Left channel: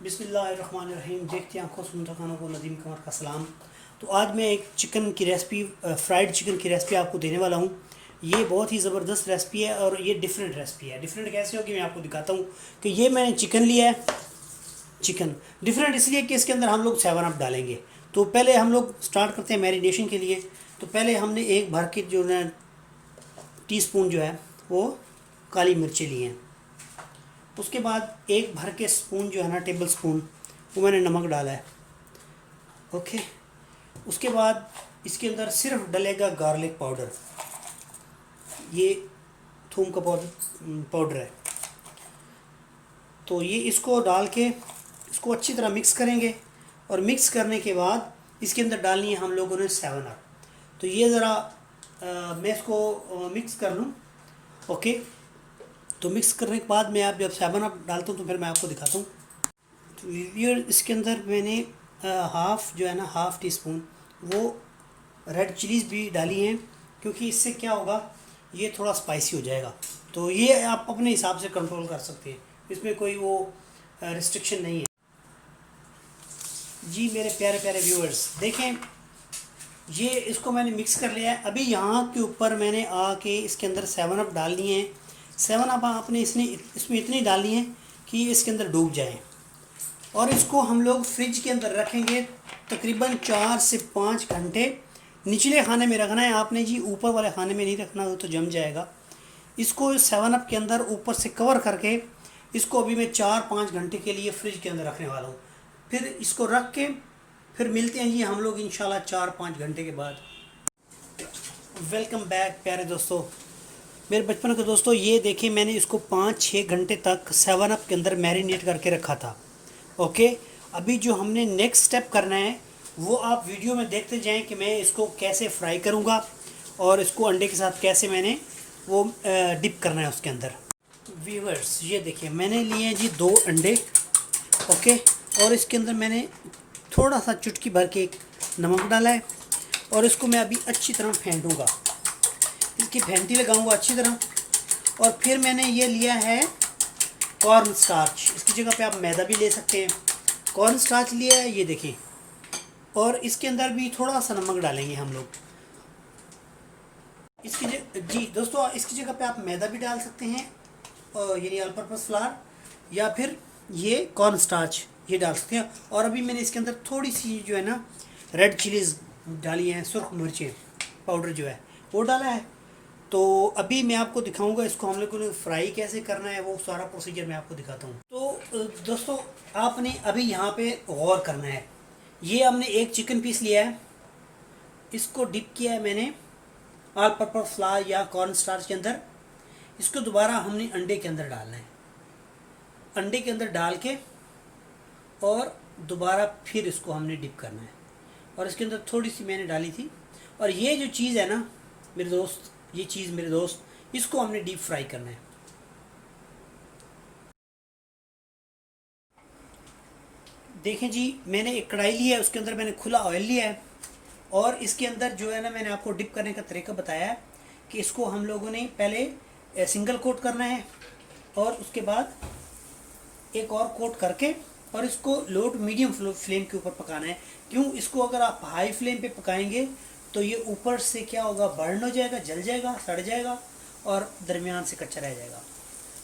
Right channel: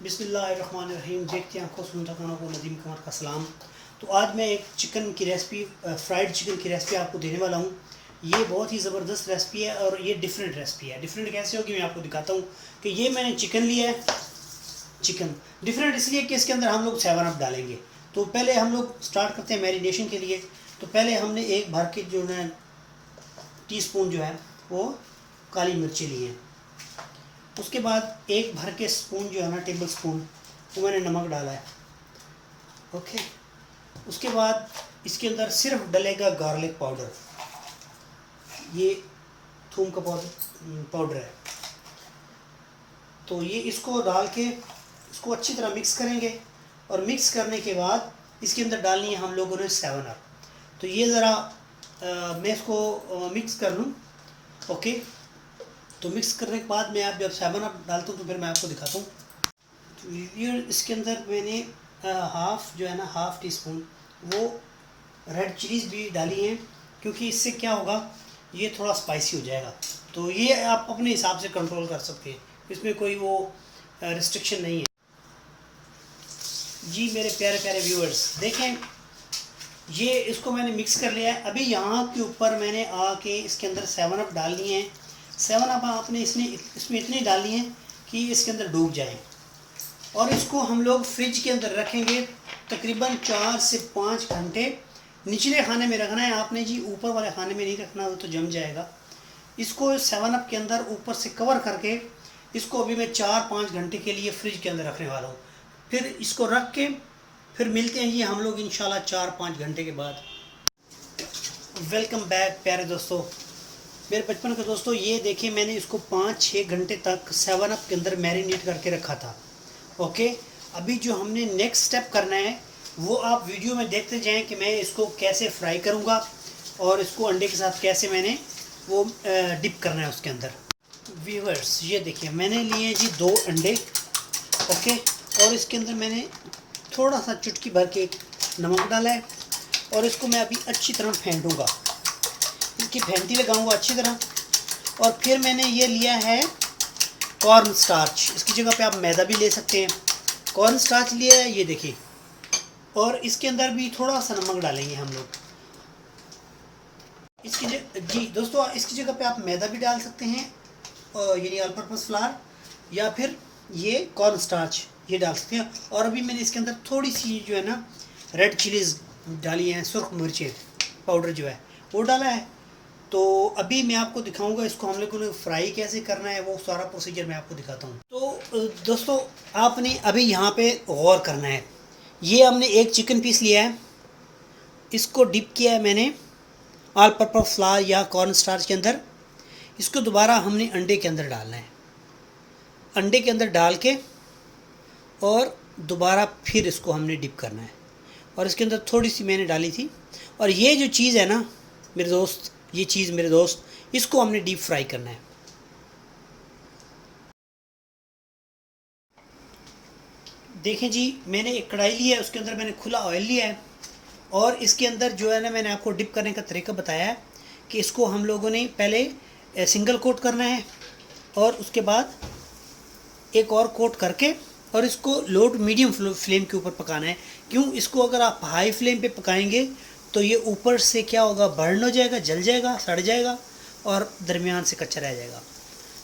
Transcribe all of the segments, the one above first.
बिस्मिल्लाहिर्रहमानिर्रहीम। देखते हैं आंखों सुनता खानों को नदीम कमर का सलाम। तो आज मैं एक चिकन की रेसिपी, फ्राइड चिकन की रेसिपी आपको देने वाला हूँ। ये बहुत ही ज़बरदस्त रेसिपी है और ये डिफरेंट रेसिपी है। डिफरेंट कैसे होगी मैं आपको दिखाता हूँ कि ये मैंने चिकन लिया है। चिकन डिफरेंट इसलिए कि इसके अंदर हम लोग 7 अप डालेंगे। तो पहले हम लोग स्टार्ट करते हैं मैरिनेशन के लिए। तो पहले हमने एक भर के जो है टीस्पून जो है वो काली मिर्ची ली हैं। उसके बाद एक भर के स्पून जो है ना, टेबल स्पून, वो मैंने नमक डाला है। ओके। उसके बाद इसके अंदर सिर्फ डलेगा गार्लिक पाउडर। ये थूम का पाउडर है। तो ये इसको डाल के इसको अच्छी तरह मिक्स करेंगे और मिक्स करने के बाद इसके अंदर डालनी है हम लोगों ने 7 अप। तो ये ज़रा मैं इसको मिक्स कर लूँ। ओके। तो मिक्स करने के बाद मैं आप जब 7 अप डालता हूँ तो फिर मैं आपको दिखाता हूँ। तो इसके अंदर मैंने हाफ़ जो है ना, हाफ़ टी स्पून वो रेड चिलीज़ भी डाली हैं, क्योंकि इससे क्या होगा, ये थोड़ा स्पाइसी हो जाएगा। तो ये आप अपने हिसाब से कंट्रोल कर सकते हैं, इसमें कोई वो रिस्ट्रिक्शन नहीं है। जी मेरे प्यारे प्यारे व्यूअर्स, देखें ये इसको मैंने मिक्स कर लिया है। अभी यहाँ के ऊपर मैंने आके इसके अंदर 7 अप डालनी है। 7 अप आपने इसमें इतनी डालनी है कि इसके अंदर डूब जाए और इसको हम लोग फ्रिज के अंदर रखेंगे तकरीबन 4 से 5 घंटे। निचले खाने में रखना है आपने जी, ऊपर वाले खाने में नहीं रखना, तो जम जाएगा। इसको 7 अप के अंदर ऊपर से कवर करके इसको अभी मैं 4-5 घंटे के लिए फ्रिज के अंदर रखने वाला हूँ। फिर इसको रख के फिर मिलते हैं जी हम लोग इंशाल्लाह 4-5 घंटे के बाद। वेलकम बैक प्यारे दोस्तों, मेरे बचपन के दोस्तों। ये देखिए मैंने इसको 5-6 घंटे तक 7 अप के अंदर मैरिनेट करके रखा था। ओके। अभी जो हमने नेक्स्ट स्टेप करना है वो आप वीडियो में देखते जाएं कि मैं इसको कैसे फ्राई करूँगा और इसको अंडे के साथ कैसे मैंने वो डिप करना है उसके अंदर। व्यूअर्स ये देखिए मैंने लिए जी 2 अंडे। ओके। और इसके अंदर मैंने थोड़ा सा चुटकी भर के नमक डाला है और इसको मैं अभी अच्छी तरह फेंटूँगा, इसकी फेंटी लगाऊंगा अच्छी तरह। और फिर मैंने ये लिया है कॉर्न स्टार्च, इसकी जगह पे आप मैदा भी ले सकते हैं। कॉर्न स्टार्च लिया है, ये देखिए। और इसके अंदर भी थोड़ा सा नमक डालेंगे हम लोग इसकी जी दोस्तों, इसकी जगह पे आप मैदा भी डाल सकते हैं, यानी ऑल पर्पस फ्लावर, या फिर ये कॉर्न स्टार्च ये डाल सकते हैं। और अभी मैंने इसके अंदर थोड़ी सी जो है ना रेड चिलीज़ डाली हैं, सुर्ख मिर्चें पाउडर जो है वो डाला है। तो अभी मैं आपको दिखाऊंगा इसको हम लोगों ने फ्राई कैसे करना है, वो सारा प्रोसीजर मैं आपको दिखाता हूँ। तो दोस्तों आपने अभी यहाँ पे गौर करना है। ये हमने एक चिकन पीस लिया है, इसको डिप किया है मैंने ऑल पर्पस फ्लावर या कॉर्न स्टार्च के अंदर। इसको दोबारा हमने अंडे के अंदर डालना है। अंडे के अंदर डाल के और दोबारा फिर इसको हमने डिप करना है। और इसके अंदर थोड़ी सी मैंने डाली थी। और ये जो चीज़ है ना मेरे दोस्त, ये चीज़ मेरे दोस्त, इसको हमने डीप फ्राई करना है। देखें जी मैंने एक कढ़ाई ली है, उसके अंदर मैंने खुला ऑयल लिया है और इसके अंदर जो है ना मैंने आपको डिप करने का तरीका बताया है कि इसको हम लोगों ने पहले सिंगल कोट करना है और उसके बाद एक और कोट करके और इसको लो टू मीडियम फ्लेम के ऊपर पकाना है। क्यों, इसको अगर आप हाई फ्लेम पे पकाएंगे तो ये ऊपर से क्या होगा, बर्न हो जाएगा, जल जाएगा, सड़ जाएगा और दरमियान से कच्चा रह जाएगा।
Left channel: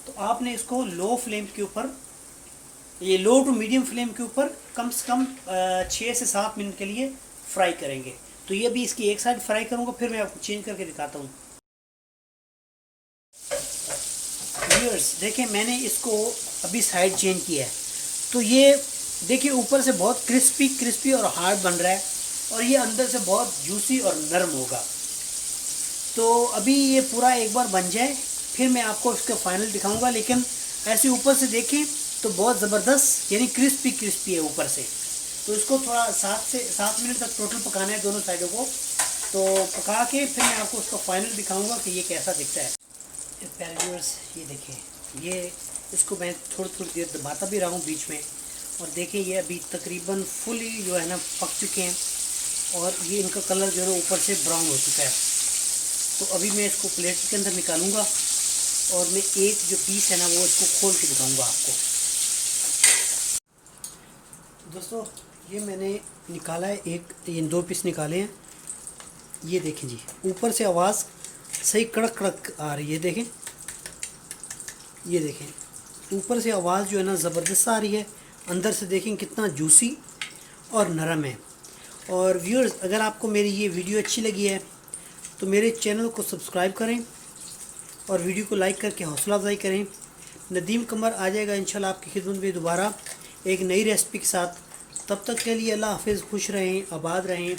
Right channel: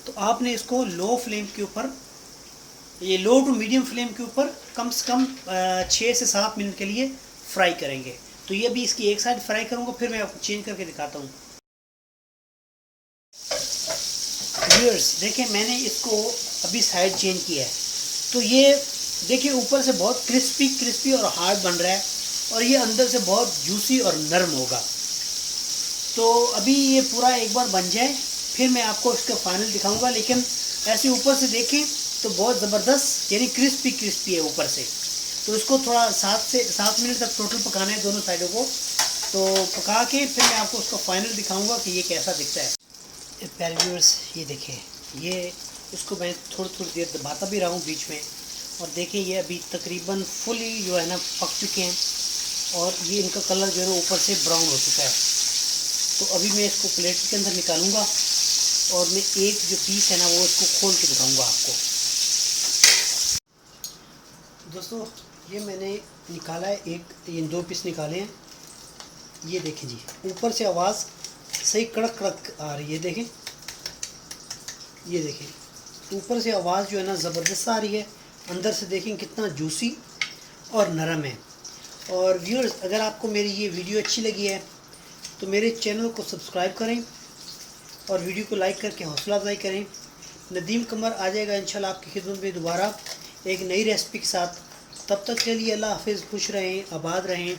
तो आपने इसको लो फ्लेम के ऊपर, ये लो टू मीडियम फ्लेम के ऊपर कम से कम 6 से 7 मिनट के लिए फ्राई करेंगे। तो ये भी इसकी एक साइड फ्राई करूँगा, फिर मैं आपको चेंज करके दिखाता हूँ। व्यूअर्स देखिए मैंने इसको अभी साइड चेंज किया है। तो ये देखिए ऊपर से बहुत क्रिस्पी और हार्ड बन रहा है और ये अंदर से बहुत जूसी और नरम होगा। तो अभी ये पूरा एक बार बन जाए फिर मैं आपको इसका फाइनल दिखाऊंगा। लेकिन ऐसे ऊपर से देखें तो बहुत ज़बरदस्त यानी क्रिस्पी है ऊपर से। तो इसको थोड़ा 7 से 7 मिनट तक टोटल पकाना है दोनों साइडों को। तो पका के फिर मैं आपको उसका फाइनल दिखाऊंगा कि ये कैसा दिखता है। प्यारे व्यूअर्स ये देखिए, ये इसको मैं थोड़ी देर दबाता भी रहा हूँ बीच में। और देखिए ये अभी तकरीबन फुली जो है ना पक चुके हैं और ये इनका कलर जो है ना ऊपर से ब्राउन हो चुका है। तो अभी मैं इसको प्लेट के अंदर निकालूंगा और मैं एक जो पीस है ना वो इसको खोल के दिखाऊंगा आपको। दोस्तों ये मैंने निकाला है, ये 2 पीस निकाले हैं। ये देखें जी, ऊपर से आवाज़ सही कड़क कड़क आ रही है, देखें, ये देखें ऊपर से आवाज़ जो है ना ज़बरदस्त आ रही है, अंदर से देखें कितना जूसी और नरम है। और व्यूअर्स, अगर आपको मेरी ये वीडियो अच्छी लगी है तो मेरे चैनल को सब्सक्राइब करें और वीडियो को लाइक करके हौसला अफजाई करें। नदीम कमर आ जाएगा इंशाल्लाह आपकी खिदमत में दोबारा एक नई रेसिपी के साथ। तब तक के लिए अल्लाह हाफिज़, खुश रहें, आबाद रहें।